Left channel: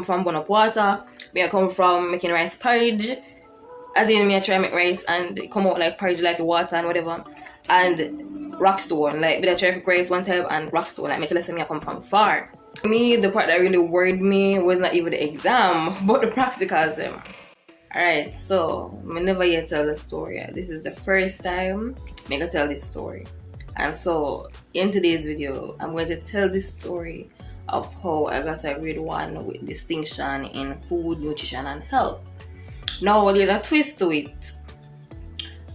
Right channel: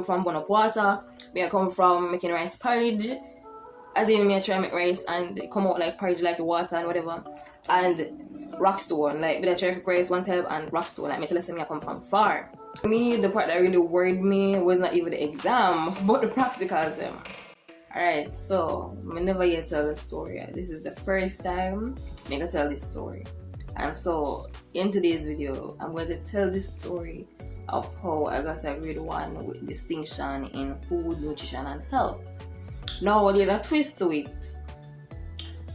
from burn up water, me I come from making rice porridge, as in me I try make rice and it come out like porridge like the water and whatever, and rockstone, like me I try to cook rice one time and rockstone, like me tell me I come from far. For me, the part that really worried me was not even the exam, but the practicals. Alright, so I never yet tell the story. This is the first time I can tell this story. And so in today's video, I'm going to tell the story of how I got a grade 1 with distinction in food, nutrition and health. Now there's a twist to it.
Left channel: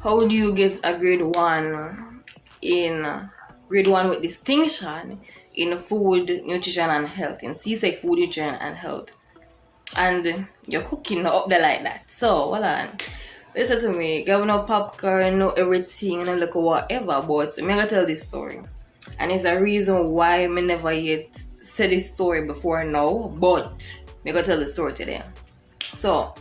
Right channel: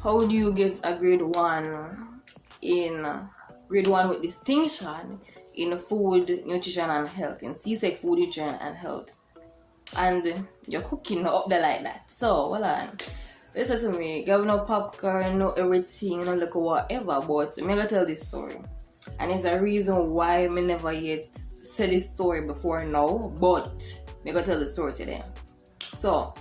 How do you get a grade 1 with distinction in food, nutrition and health, in CSEC food, nutrition and health, and you're cooking up there like that? So hold on, listen to me. Got no popcorn, no everything, no look whatever, but I'm gonna tell this story, and it's a reason why I never yet said this story before now, but I'm gonna tell the story today. So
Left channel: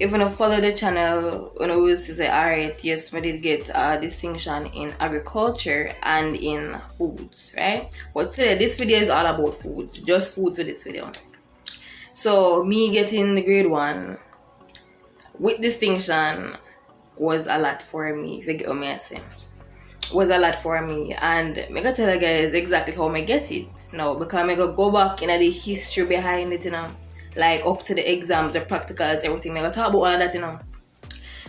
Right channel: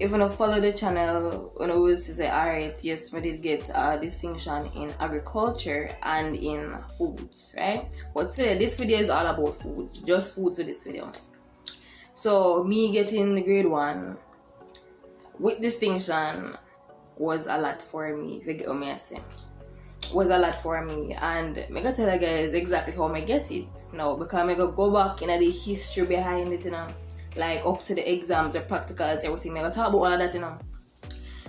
if you don't follow the channel, you know, will say, alright, yes, we did get a distinction in agriculture and in foods, right? But today, this video is all about food, just food to this video. So me getting the grade 1 with distinction was a lot for me, if you get what I say. Was a lot for me, and I'm gonna tell you guys exactly how I get it now, because I'm gonna go back in the history behind it, you know, like up to the exams, the practicals, everything. I'm gonna talk about all that, you know.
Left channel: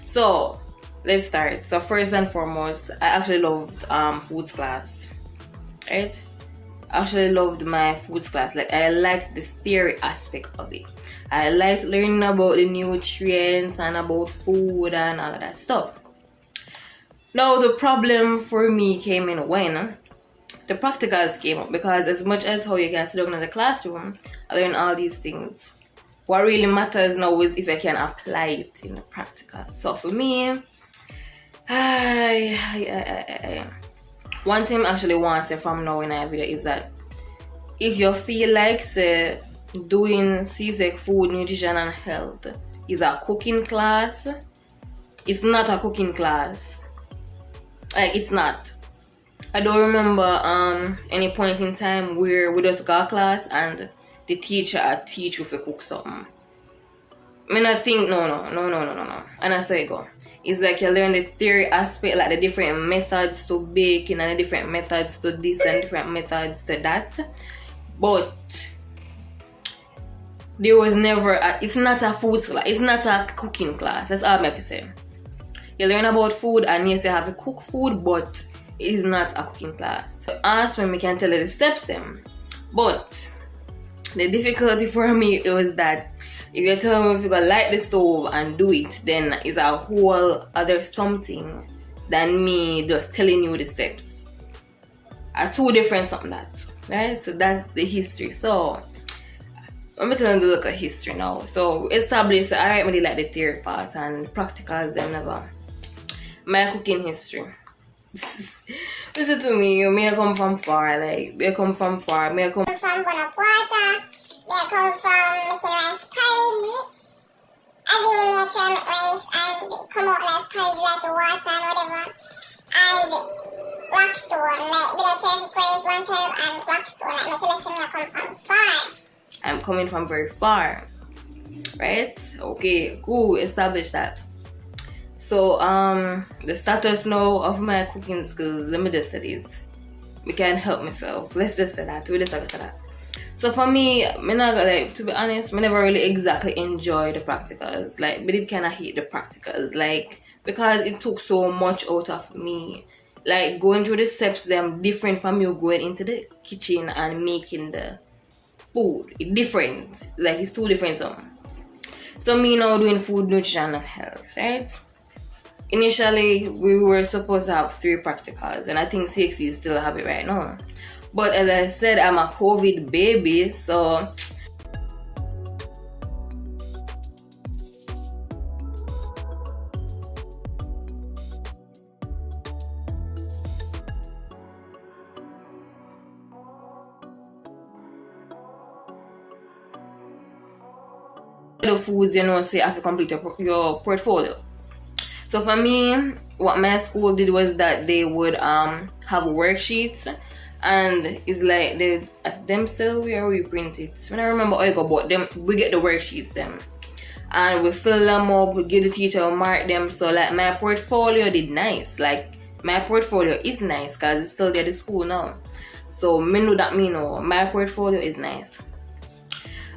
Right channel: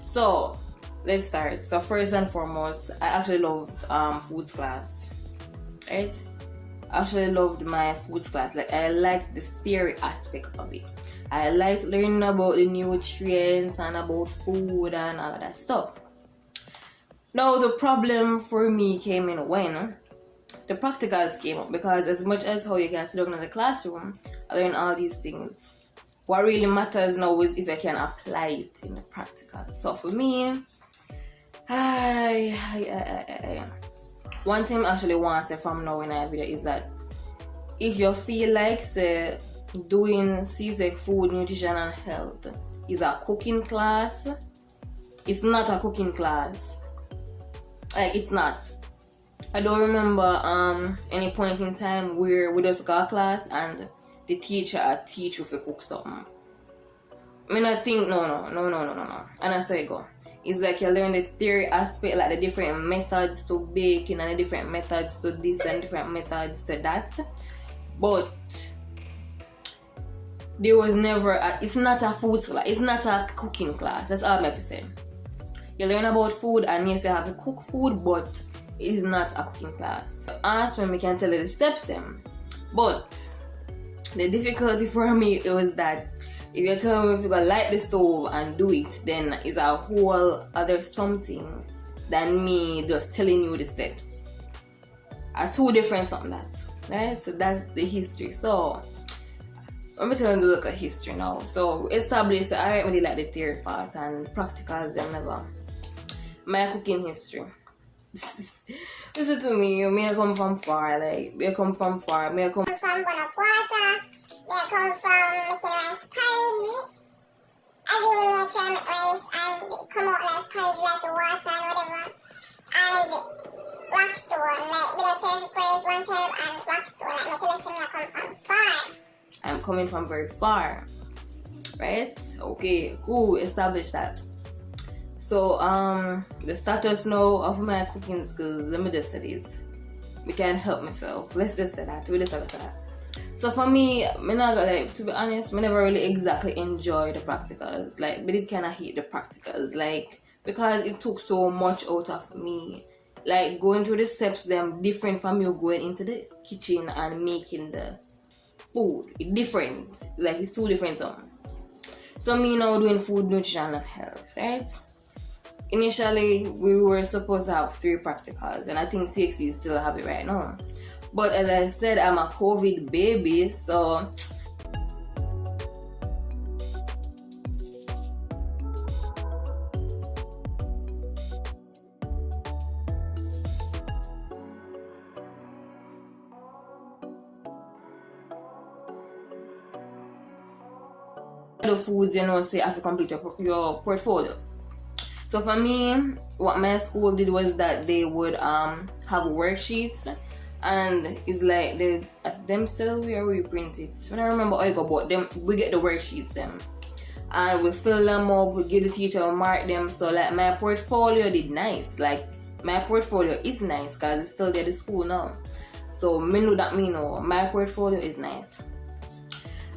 So let's start. So first and foremost, I actually loved foods class, right? I actually loved my foods class. Like, I liked the theory aspect of it. I liked learning about the nutrients and about food and all of that stuff. Now the problem for me came in when the practicals came up, because as much as how you can sit down in the classroom and learn all these things, what really matters now is if I can apply it in the practical. So for me, one thing I actually want to say from now in our video is that if you feel like, say, doing CSEC food, nutrition and health is a cooking class, it's not a cooking class. Like, it's not. I don't remember any point in time where we just got class and the teacher teach you to cook something. I mean, I think no. And that's how it go. It's like you learn the theory aspect, like the different methods to baking and the different methods to this and different methods to that. But there was never it's not a food class, it's not a cooking class. That's all I have to say. You learn about food and yes, you have to cook food, but it is not a cooking class. Ask when we can tell you the steps then. But the difficulty for me was that if you tell me if you're gonna light the stove and do it, then it's a whole other something than me just telling you the steps. Are two different something that, right? So that's the history. So let me tell you the look at history now. So establish, alright, we like the theory part and practicals and never. My cooking history. Listen to me, me I come from far, like, me I come from far, me I come from burn up water, me I come from making rice porridge, as in me I try make rice and it come out like porridge like the water and whatever, and rockstone, like, me I try to cook rice one time and rockstone, like, me tell me I come from far. I'm coming from very far, right? Okay, cool, establish that. So the status now of my cooking skills, let me just say this, I can't help myself, let's just say that, we just talk about that. So for me, like, to be honest, I never really exactly enjoy the practicals. Like, I did kind of hate the practicals, like, because it took so much out of me. Like, going through the steps, them different from you going into the kitchen and making the food. It's different, like, it's two different something. So me now doing food, nutrition and health, right? Initially, we were supposed to have 3 practicals, and I think CSEC still have it right now. But as I said, I'm a COVID baby, so the foods, you know, so you have to complete your portfolio. So for me, what my school did was that they would have worksheets and it's like they at themselves where we print it. I don't remember how I go, but them we get the worksheets them. And we fill them up, we give the teacher, we mark them. So like my portfolio did nice. Like my portfolio is nice because it's still there at school now. So me know that me know my portfolio is nice.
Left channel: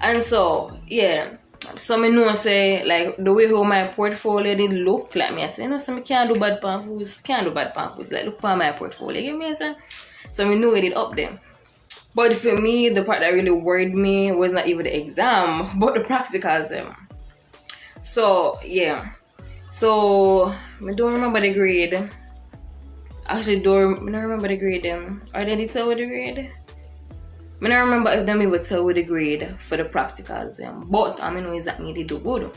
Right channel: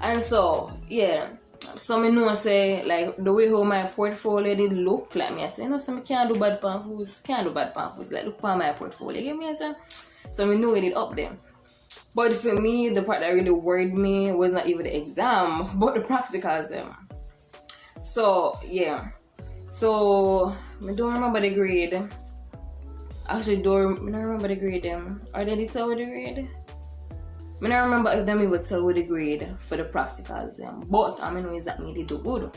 And so yeah, so me know say like the way how my portfolio did look, like me I say, no, so me can't do bad pan foods, like look at my portfolio, you get me I say? So me know it up there. But for me, the part that really worried me was not even the exam, but the practicals. So yeah, so I don't remember the grade. Actually, I don't remember the grade. Are they tell with the grade? I don't remember if them even tell with the grade for the practicals. But I know exactly they do good.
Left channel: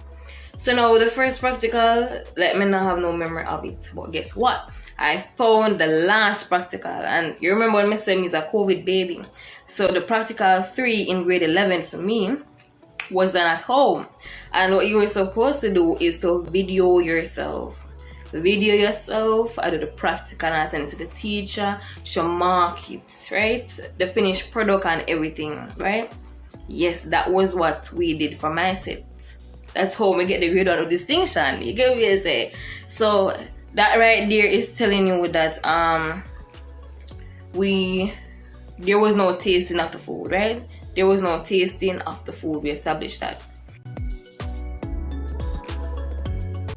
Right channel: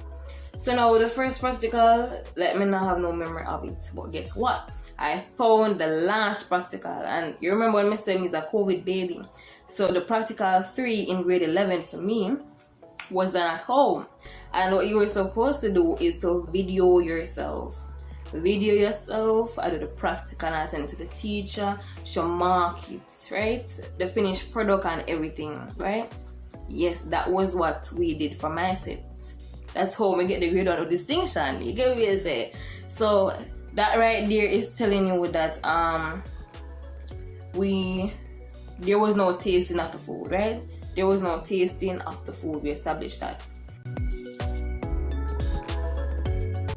So now the first practical, like me not have no memory of it. But guess what? I found the last practical, and you remember when I said me is a COVID baby. So the practical 3 in grade 11 for me was done at home, and what you were supposed to do is to video yourself, I do the practical and I send it to the teacher, she'll mark it, right, the finished product and everything, right? Yes, that was what we did for my set. That's how we get the grade out of distinction, you get what I say? So that right there is telling you that there was no tasting of the food, right? There was no tasting of the food. We established that.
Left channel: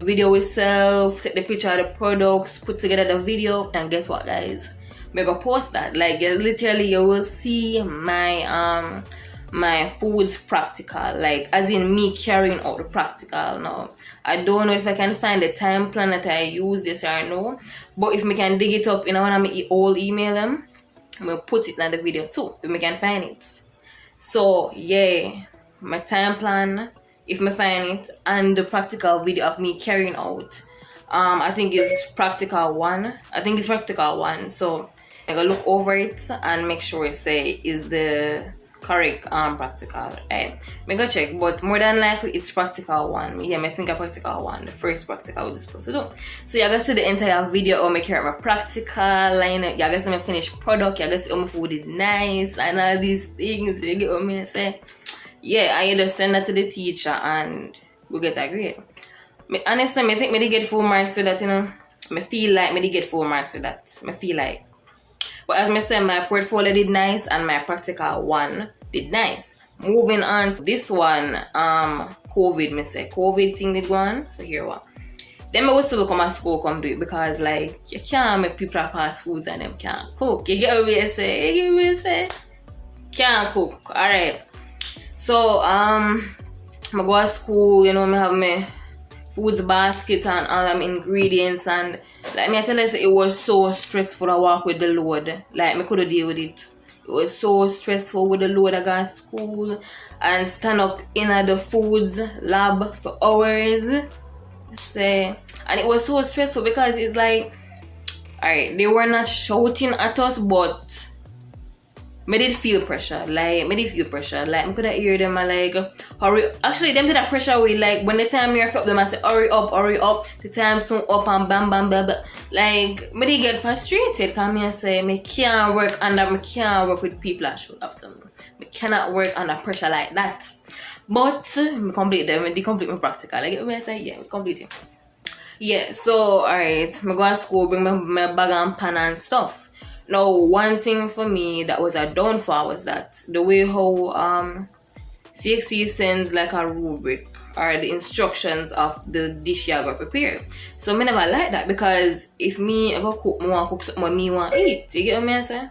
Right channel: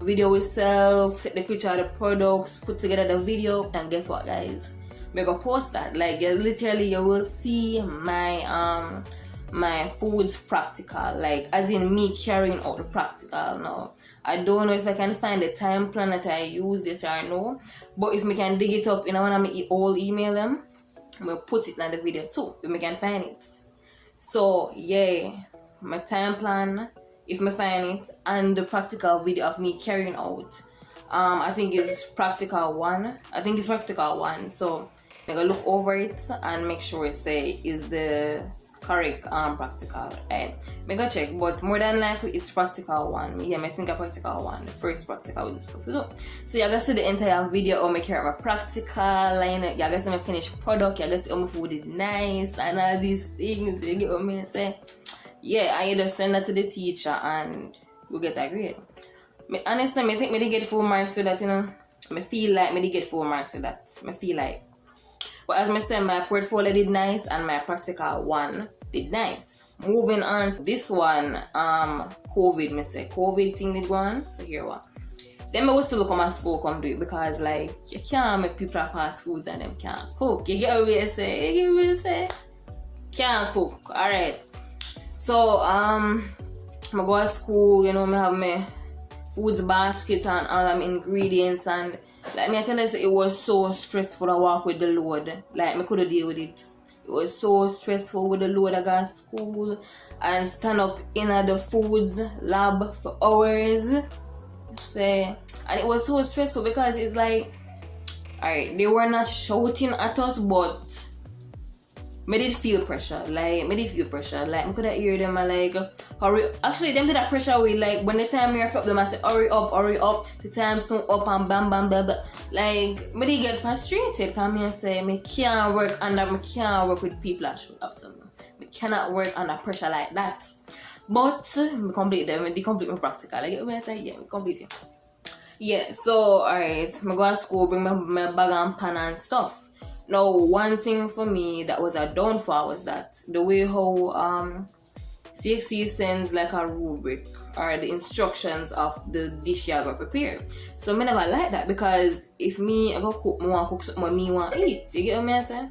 Video itself, take the picture of the products, put together the video, and guess what, guys? We're gonna post that. Like literally, you will see my my foods practical, like as in me carrying out the practical. Now I don't know if I can find the time plan that I use this or no, but if we can dig it up, you know, when I all email them, we'll put it in the video too if we can find it. So yeah, my time plan, if I find it, and the practical video of me carrying out, I think it's practical 1. So I'm gonna look over it and make sure it say is the correct practical. I'm gonna check, but more than likely it's practical 1. Yeah, I think a practical 1, the first practical we're supposed to do. So you're gonna see the entire video of me carry my practical line. You're gonna see my finished product, you're gonna see how my food is nice and all these things. You get what I say? Yeah, I either send that to the teacher and we'll get a grade. Honestly, I think I did get full marks for that, you know. I feel like I did get full marks for that. I feel like. But as I said, my portfolio did nice and my practical 1 did nice. Moving on to this one, COVID thing did go on. So here what. Then I will still come at school come do it because like you can't make people pass foods and them can't cook. You get what I say? Can't cook. Alright. So I go to school, you know, I have my foods basket and all them ingredients, and like me I tell you, it was so stressful to walk with the load. Like me couldn't deal with it. It was so stressful with the load. I got to school and stand up in the foods lab for hours. Say, and it was so stressful because it's like, alright, they were not shouting at us, but I did feel pressure. Like I could hear them like hurry. Actually, them did that pressure way. Like when the time you're up them, I say hurry up. The time soon up and bam. Like I did get frustrated. Come here and say I can't work with people that shout after me. I cannot work under pressure like that. But I complete them. They complete my practical. Like when I say yeah, we complete it. Yeah. So alright, I go to school, bring my bag and pan and stuff. Now, one thing for me that was a downfall was that the way how CSEC sends like a rubric or the instructions of the dish you got prepared. So I never like that because if I go cook, I want to cook something me want to eat. You get what I say?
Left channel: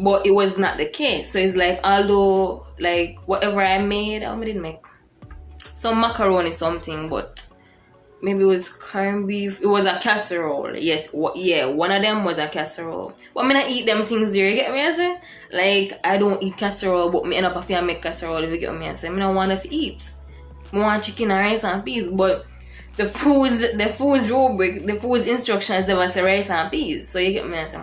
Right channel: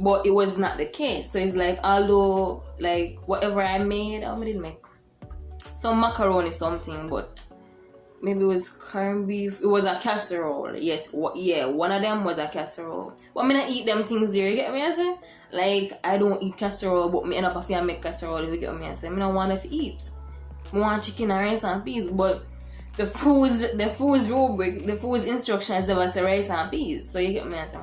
But it was not the case. So it's like although like whatever I made, I didn't make some macaroni something, but maybe it was corned beef. It was a casserole. Yes, yeah, one of them was a casserole. But I not eat them things there, you get me I say? Like, I don't eat casserole, but I end up having to make casserole, if you get me I say? I don't want to eat. I want chicken and rice and peas, but the food's rubric, the food's instructions, they was rice and peas. So you get me I say?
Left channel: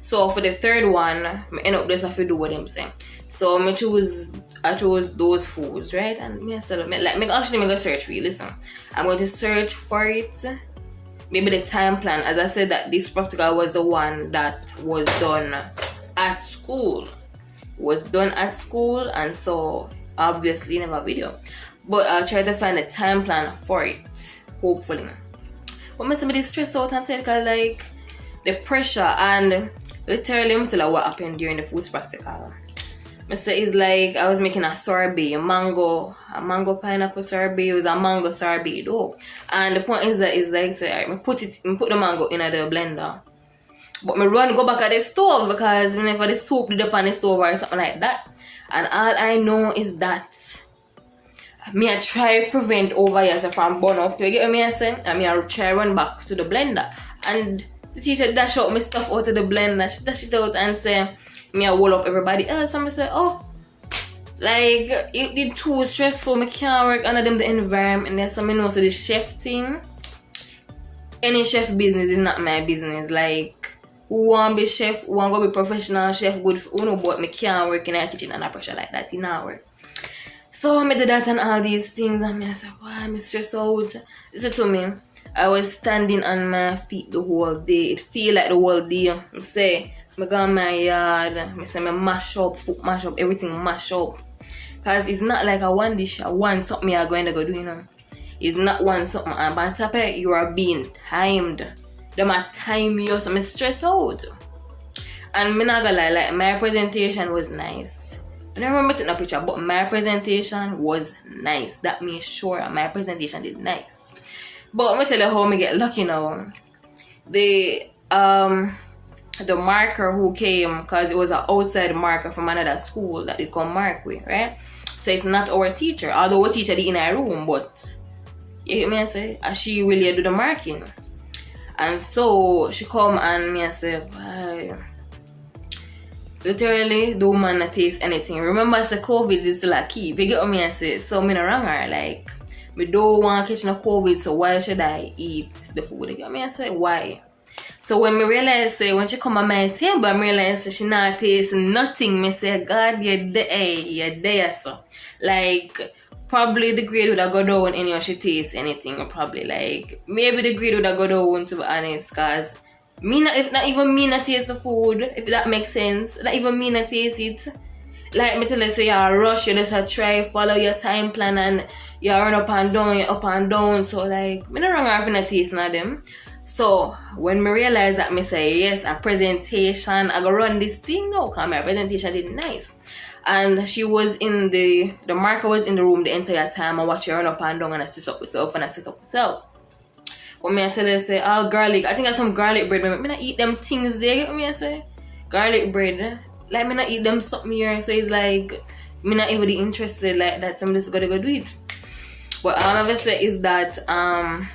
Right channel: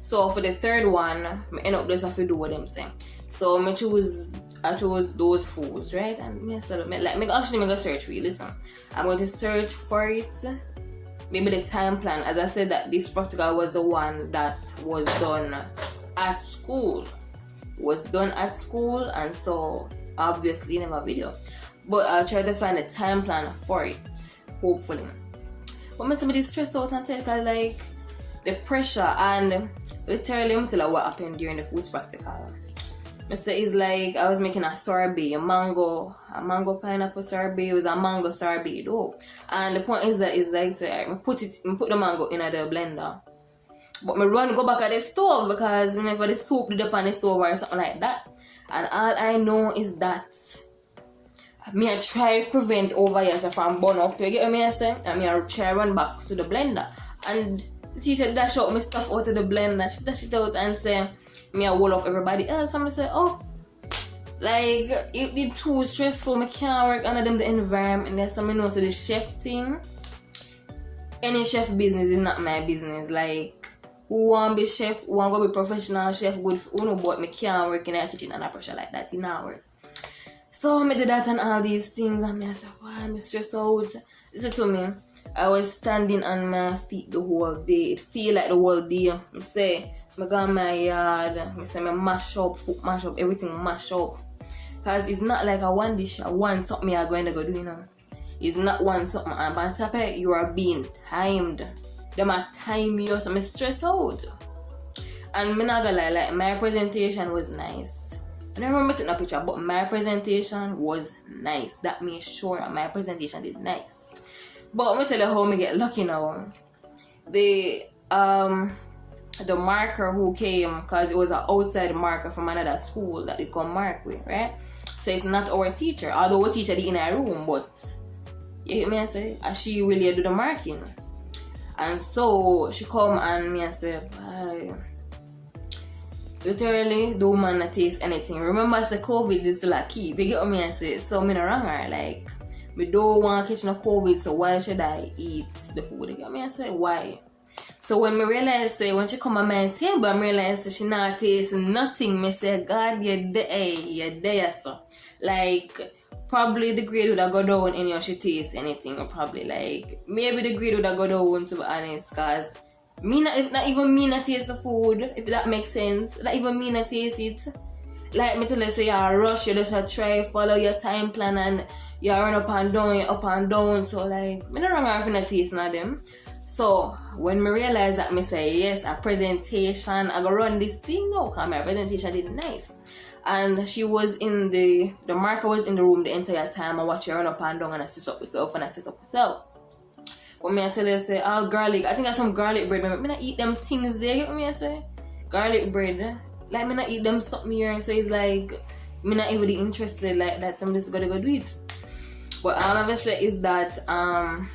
So for the third one, I end up just have to do what I'm saying. So I chose those foods, right? And me go search for you. Listen, I'm going to search for it. Maybe the time plan. As I said, that this practical was the one that was done at school. It was done at school, and so obviously never video. But I'll try to find a time plan for it, hopefully. But I'm somebody stressed out and take like the pressure, and literally I'm tell you what happened during the foods practical. I say it's like I was making a sorbet, a mango pineapple sorbet. It was a mango sorbet though. And the point is that it's like say I put the mango in the blender. But me run go back at the stove because whenever the soup did up on the stove or something like that. And all I know is that me I try prevent over here from burn up. You get what I say? And me I try run back to the blender. And the teacher dash out my stuff out of the blender. She dash it out and say me I wall up everybody else. And I say, oh, like it did too stressful. Me can't work under them the environment. There's some know so the chef thing. Any chef business is not my business. Like who want to be chef, who want to be professional chef, good for no, but me can't work in a kitchen under pressure like that in our work. So I did that and all these things, and I said, why am I stressed out? Listen to me. I was standing on my feet the whole day. It feel like the whole day. I say, I go in my yard, I say, I mash up, food mash up, everything mash up. Because it's not like a one dish, a one something I'm going to go do, you know. It's not one something, and on top of it, you are being timed. They might time you, so I'm stressed out. And I'm not gonna lie, like, my presentation was nice. I don't remember taking a picture, but my presentation was nice. That made sure my presentation did nice. But let me tell you how I get lucky now. The marker who came, because it was an outside marker from another school that they come mark with, right? So it's not our teacher, although our teacher did in our room, but you hear me I say? She really do the marking. And so she come and me I say, bye. Literally, the woman not taste anything. Remember, I said COVID is still a key. You get what me I say? So me no wrong her. Like, me don't want to catch no COVID, so why should I eat the food? You get me I say? Why? So when me realize, say, when she come on my table, I realize she not taste nothing. Me say, God, you're there, so. Like, probably the grade would have go down and she taste anything. Probably, like, maybe the grade would have go down, to be honest, because if not even me not taste the food, if that makes sense. Not even me not taste it. Like me tell you, say you rush, you just try follow your time plan and you run up and down. So like, me not wrong if not taste none of them. So when me realize that, me say yes, a presentation, I go run this thing now, because my presentation did nice. And she was in the marker was in the room the entire time. I watch her run up and down and I sit up myself. When me I tell her, say, oh, garlic, I think I have some garlic bread. Me not eat them things there, you get me I say? Garlic bread. Like, me not eat them something here. So it's like, me not even interested like that. So I'm just gonna go do it. What I'll never say is that, I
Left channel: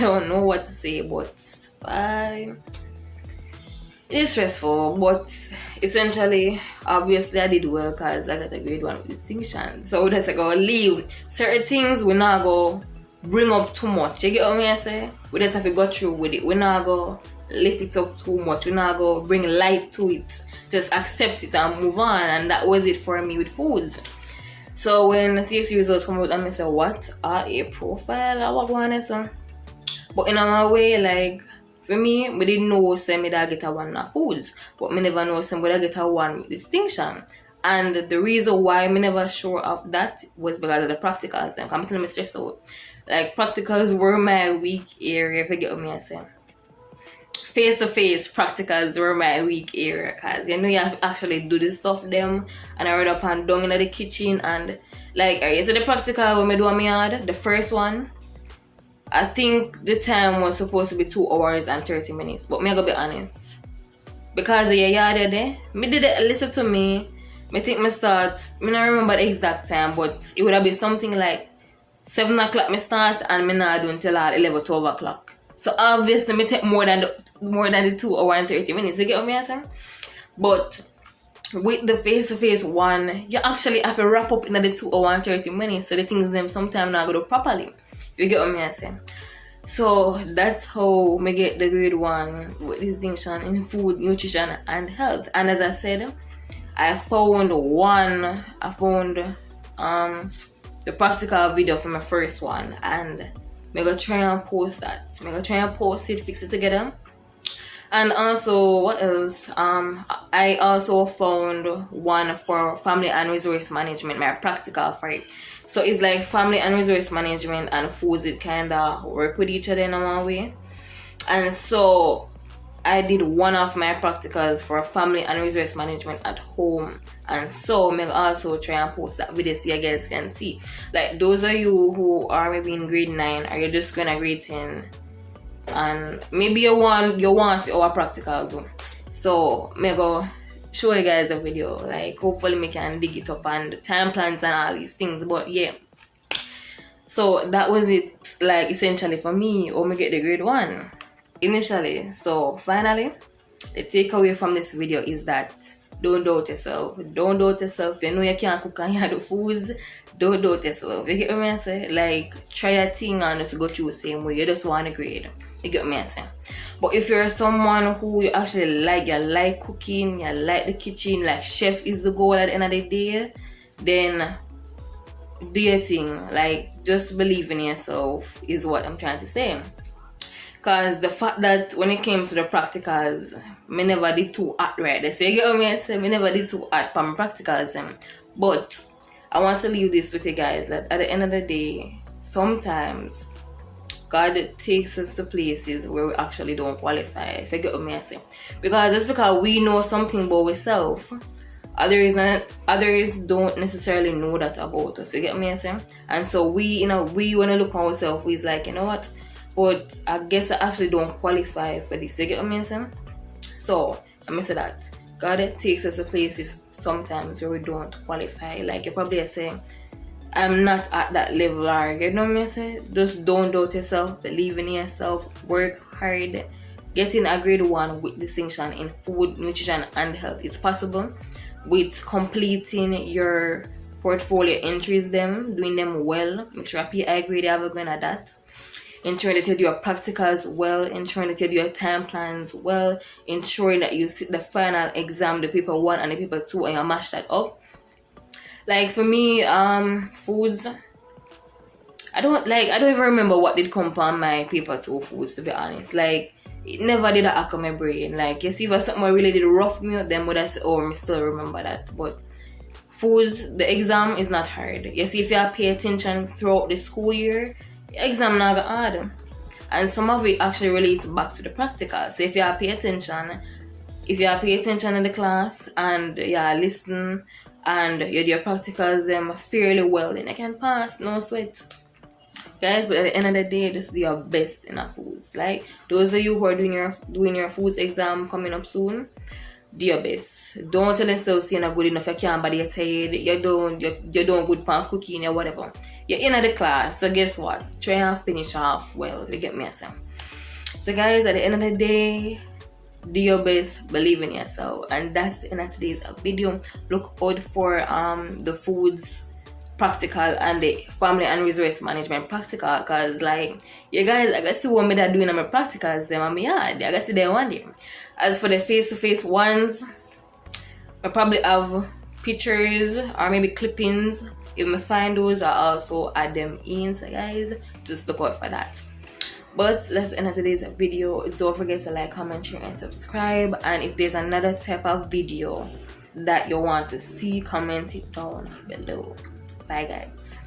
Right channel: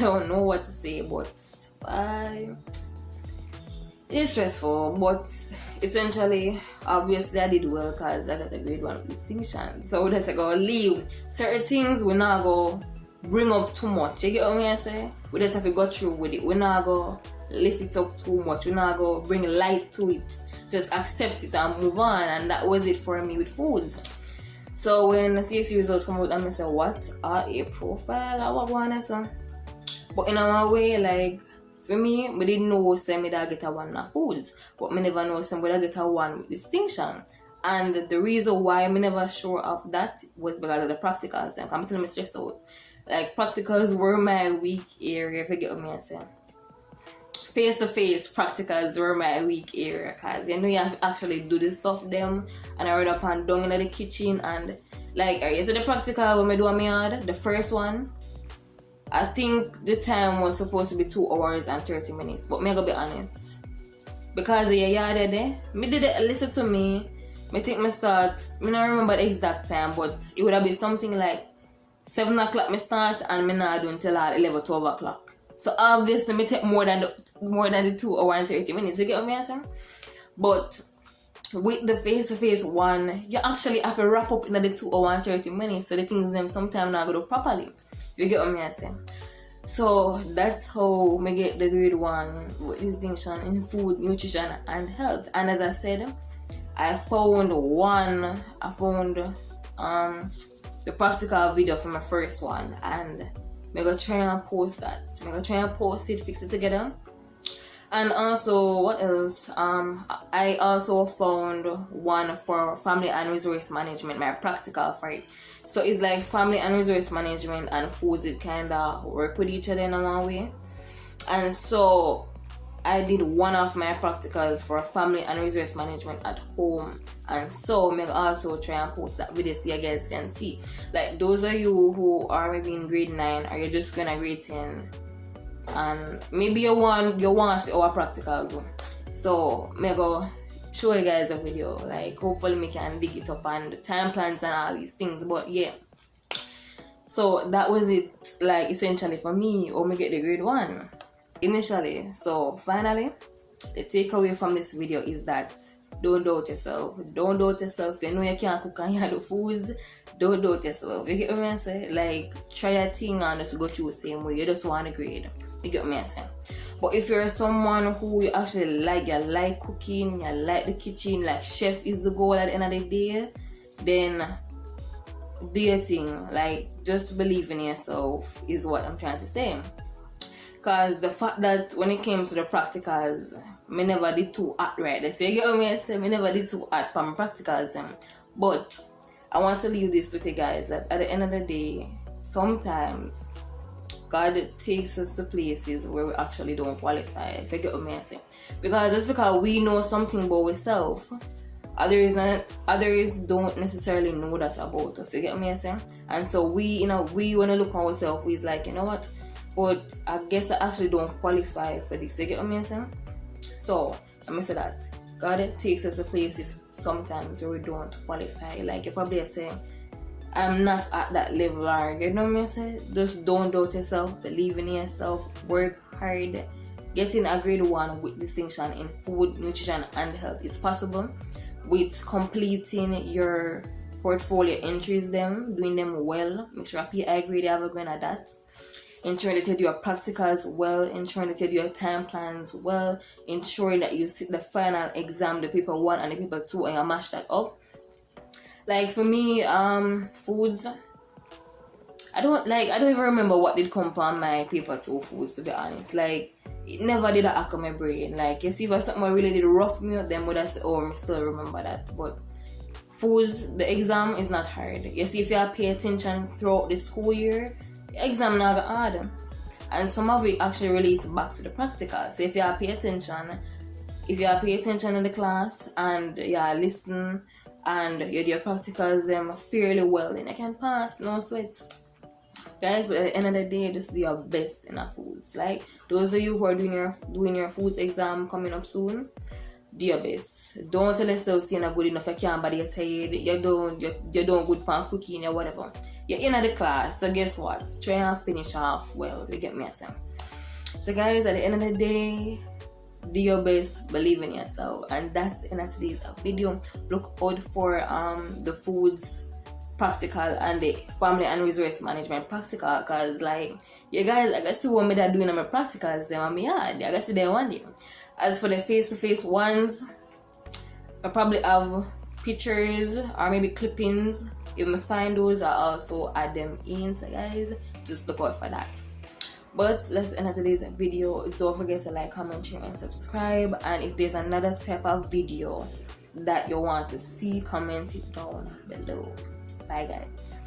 don't know what to say, but it is stressful, but essentially, obviously I did well because I got a grade 1 with distinction. So that's like, I'll leave. Certain things we not go bring up too much. You get what I say? We just have to go through with it. We not go lift it up too much. We not go bring light to it. Just accept it and move on. And that was it for me with foods. So when the CSEC results come out, I say, what? A profile? I was going to. But in my way, like, for me, we didn't know say me that get a 1 of foods. But me never know say me that get a 1 with distinction. And the reason why me never sure of that was because of the practicals. I'm telling me stress out. Like, practicals were my weak area, if you get what me I say. Face-to-face practicals were my weak area, because you know you have to actually do the stuff them, and I run up and down in the kitchen, and like, you see the practical when I do on my yard, the first one, I think the time was supposed to be 2 hours and 30 minutes, but me I gotta be honest. Because of your yard there, me did it, listen to me, I think me start, me don't remember the exact time, but it would have been something like 7 o'clock me start and me not do until 11, 12 o'clock. So obviously me take more than the 2 hours and 30 minutes. You get what I'm saying? But with the face-to-face one, you actually have to wrap up in the 2 hours and 30 minutes. So the things them sometimes not go do properly. You get what I'm saying? So that's how me get the grade 1 with distinction in food, nutrition and health. And as I said, I found the practical video for my first one, and I'm gonna try and post that. I'm gonna try and post it, fix it together, And also, what else? I also found one for family and resource management, my practical for it. So it's like family and resource management and foods, it kind of work with each other in one way. And so I did one of my practicals for family and resource management at home, and so I'll also try and post that video so you guys can see. Like those of you who are maybe in grade 9 or you're just gonna grade 10 and maybe you want to see our practical do. So me go show you guys the video. Like hopefully me can dig it up and the time plans and all these things. But yeah. So that was it, like essentially for me, or me get the grade 1 initially. So finally, the takeaway from this video is that don't doubt yourself. Don't doubt yourself. You know you can't cook and you do foods. Don't doubt yourself. You get what I'm saying? Like try a thing and to go through the same way. You just want a grade. You get what I'm saying? But if you're someone who you actually like, you like cooking, you like the kitchen, like chef is the goal at the end of the day, then do your thing. Like just believe in yourself is what I'm trying to say. Cause the fact that when it came to the practicals, me never did too hard right. So you get what I say? Me never did too hard for my practicals. But I want to leave this with you guys that at the end of the day, sometimes God takes us to places where we actually don't qualify. If you get what I say? Because just because we know something about ourselves, others don't necessarily know that about us. You get what I say? And so we when I look at ourselves, we's like, you know what? But I guess I actually don't qualify for this. You get what I'm saying? So let me say that God takes us to places sometimes where we don't qualify. Like you probably saying, I'm not at that level, or you know what I'm saying? Just don't doubt yourself, believe in yourself, work hard. Getting a grade 1 with distinction in food, nutrition, and health is possible. With completing your portfolio entries, doing them well. Make sure a PI grade you have a going at that. Ensuring that you do your practicals well, ensuring that you do your time plans well, ensuring that you sit the final exam, the paper 1 and the paper 2, and you mash that up. Like for me, foods, I don't even remember what did come on my paper 2 foods, to be honest. Like it never did hack on my brain. Like you see if something really did rough me up, then would I say, oh, I still remember that. But foods, the exam is not hard. You see if you pay attention throughout the school year, exam not hard, and some of it actually relates back to the practical. So if you pay attention in the class and you listen and you do your practicals fairly well, then you can pass, no sweat, guys. But at the end of the day, just do your best in our foods. Like those of you who are doing your foods exam coming up soon, do your best. Don't tell yourself you're not good enough, you can't body your head, you're doing good pan cooking or whatever. You're in the class, so guess what? Try and finish off well. You get me saying? So guys, at the end of the day, do your best, believe in yourself. And that's the end of today's video. Look out for the foods practical and the family and resource management practical, because like you guys, I guess see what me that doing on my practicals them and me I guess see they one day. As for the face-to-face ones, I probably have pictures or maybe clippings. If I find those, I also add them in. So guys, just look out for that. But let's end today's video. Don't forget to like, comment, share, and subscribe. And if there's another type of video that you want to see, comment it down below. Bye guys.